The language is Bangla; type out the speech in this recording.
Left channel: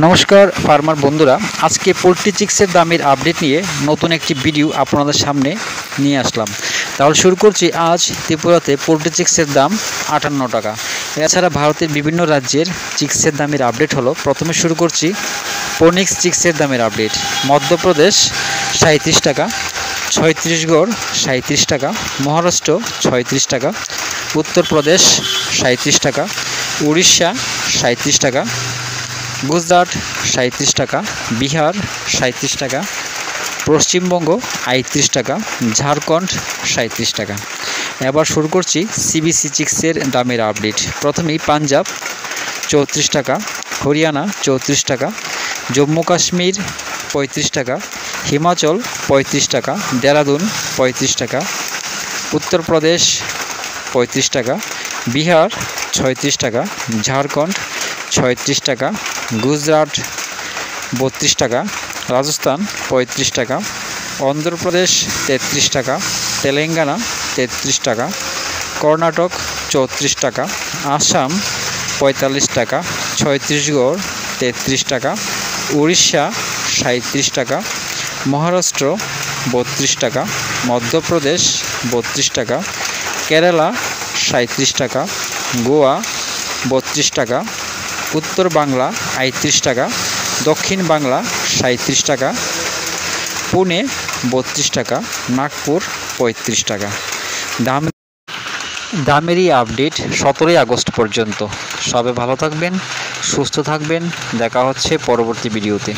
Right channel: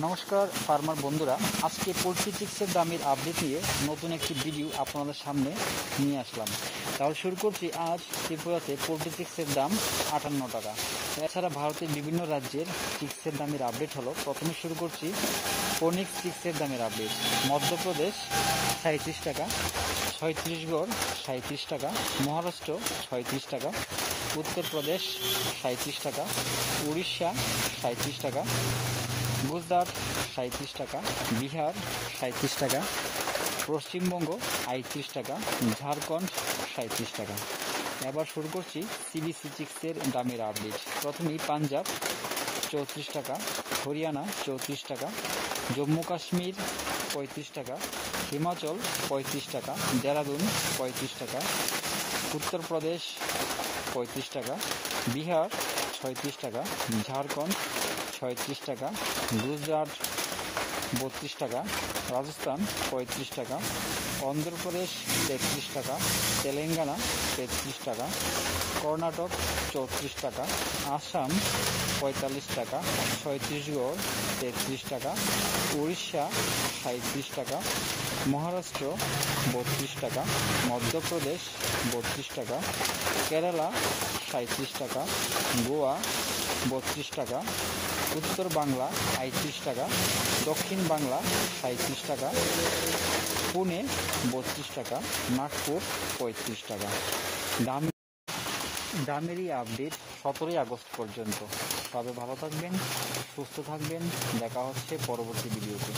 নমস্কার ফার্মার বন্ধুরা, আজকে পোলট্রি চিক্সের দামের আপডেট নিয়ে নতুন একটি ভিডিও আপনাদের সামনে নিয়ে আসলাম। তাহলে শুরু করছি। আজ ত্রিপুরাতে পোলট্রি চিক্সের দাম 58 টাকা। এছাড়া ভারতের বিভিন্ন রাজ্যের চিক্সের দামের আপডেট হলো। প্রথমে শুরু করছি পোনিক্স চিক্সের দামের আপডেট। মধ্যপ্রদেশ 37 টাকা, ছত্তিশগড় 37 টাকা, মহারাষ্ট্র 36 টাকা, উত্তরপ্রদেশ 37 টাকা, উড়িষ্যা 37 টাকা, গুজরাট 37 টাকা, বিহার 37 টাকা, পশ্চিমবঙ্গ 38 টাকা, ঝাড়খণ্ড 37 টাকা। এবার শুরু করছি সিবিসি চিক্সের দামের আপডেট। প্রথমেই পাঞ্জাব 34 টাকা, হরিয়ানা 34 টাকা, জম্মু কাশ্মীর 35 টাকা, হিমাচল 35 টাকা, দেরাদুন 35 টাকা, উত্তরপ্রদেশ 35 টাকা, বিহার 36 টাকা, ঝাড়খণ্ড 36 টাকা, গুজরাট 32 টাকা, রাজস্থান 35 টাকা, অন্ধ্রপ্রদেশ 33 টাকা, তেলেঙ্গানা 33 টাকা, কর্ণাটক 34 টাকা, আসাম 45 টাকা, ছত্তিশগড় 33 টাকা, উড়িষ্যা 37 টাকা, মহারাষ্ট্র 32 টাকা, মধ্যপ্রদেশ 32 টাকা, কেরালা 37 টাকা, গোয়া 32 টাকা, উত্তর বাংলা 38 টাকা, দক্ষিণ বাংলা 37 টাকা, পুনে 32 টাকা, নাগপুর 35 টাকা। দামেরই আপডেট 17 আগস্ট পর্যন্ত। সবাই ভালো থাকবেন, সুস্থ থাকবেন। দেখা হচ্ছে পরবর্তী ভিডিওতে।